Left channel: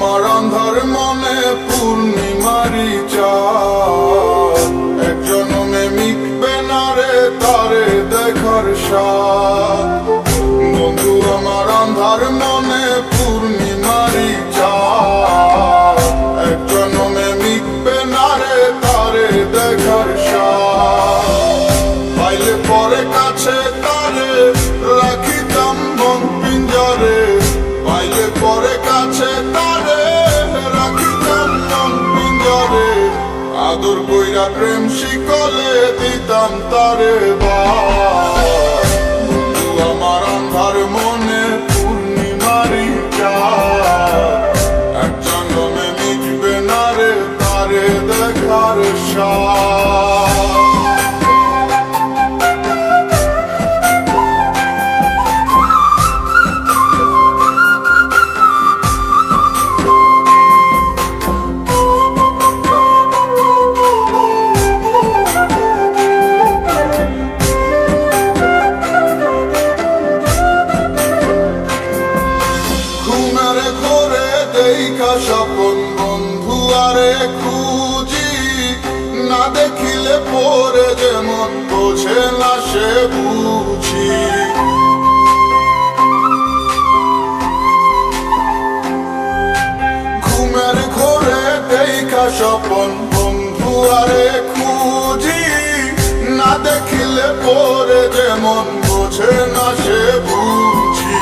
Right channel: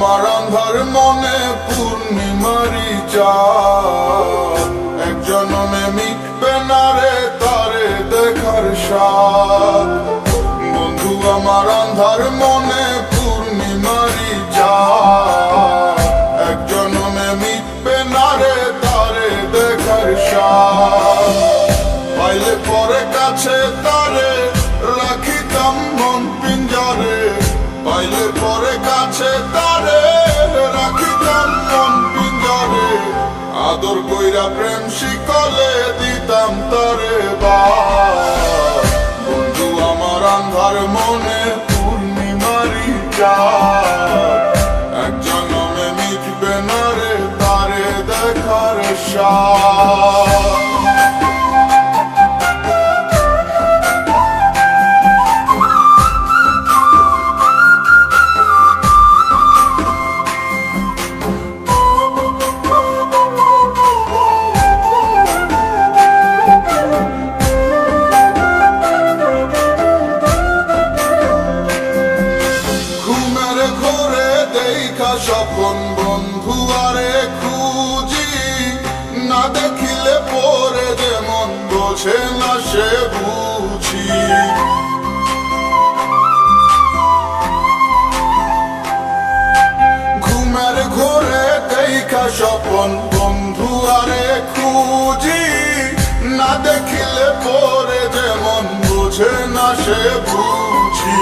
আমার আন্ধার মনে পূর্ণিমারি চাঁদ, এক জন্মে মিটবে না রে তারে দেখার স্বাদ। বন্ধু আমার আন্ধার মনে পূর্ণিমারি চাঁদ, এক জন্মে মিটবে না রে তারে দেখার স্বাদ। পাইলে পরে কাছে তারে রাখিতাম মন পিঞ্জরে, পাইলে পরে কাছে তারে রাখিতাম মন পিঞ্জরে। আদর কইরা প্রেম শিকলে দিতাম তারে বাস। বন্ধু আমার আন্ধার মনে পূর্ণিমারি চাঁদ, এক জন্মে মিটবে না রে তারে দেখার স্বাদ। ঘুমের ঘোরে দেখা স্বপন বন্ধু আরে খুঁজি, না দেখিলে পরে যেমন বোঝে না সে বুঝি। ঘুমের ঘোরে দেখা স্বপন বন্ধু আরে খুঁজি, না দেখিলে পরে যেমন বোঝে না সে বুঝি।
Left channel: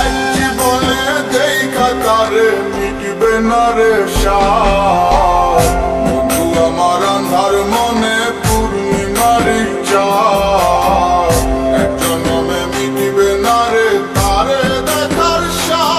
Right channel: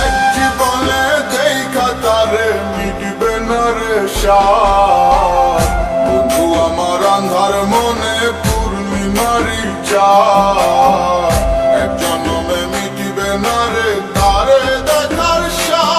এক জীবনে দেখা তারে মিটবে না রে স্বাদ। বন্ধু আমার আন্ধার মনে পূর্ণিমারি চাঁদ, এক জন্মে মিটবে না রে তারে দেখার স্বাদ।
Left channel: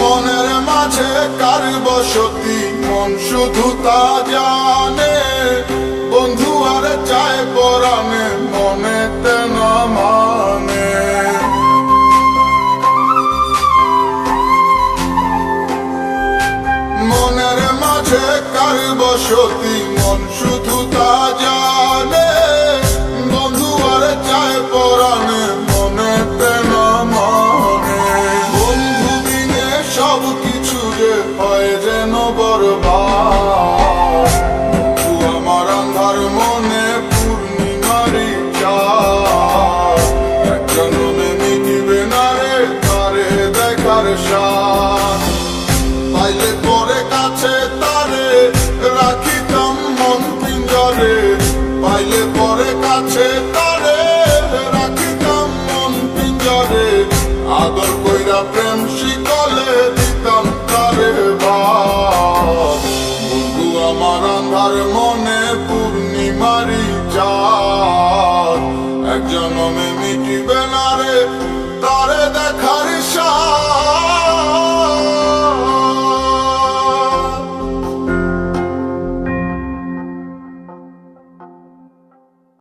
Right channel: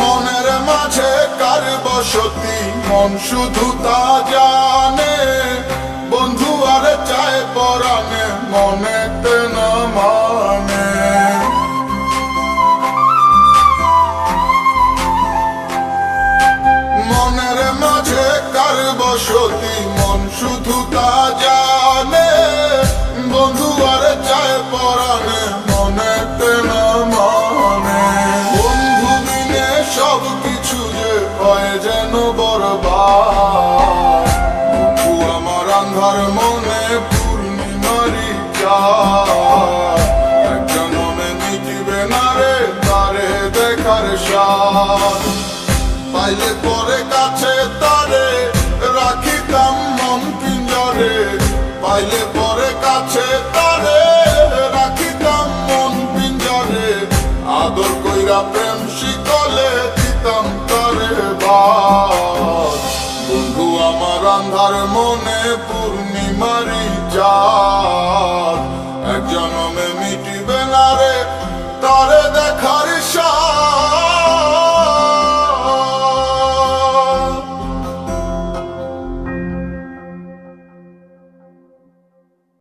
মনের মাঝে কার বসতি মন শুধু তা জানে, বন্ধু আর চায় পরাণে মনেতে না মানে। মনের মাঝে কার বসতি মন শুধু তা জানে, বন্ধু আর চায় পরাণে মনেতে না মানে। বন্ধু বিনে সব কিছু যে হয় যেন বরবাদ। বন্ধু আমার আন্ধার মনে পূর্ণিমারি চাঁদ, এক জন্মে মিটবে না রে তারে দেখার স্বাদ। পাইলে পরে কাছে তারে রাখিতাম মন পিঞ্জরে, পাইলে পরে কাছে তারে রাখিতাম মন পিঞ্জরে। আদর কইরা প্রেম শিকলে দিতাম তারে বাস। বন্ধু আমার আন্ধার মনে পূর্ণিমারি চাঁদ, এক জন্মে মিটিবে না রে তারে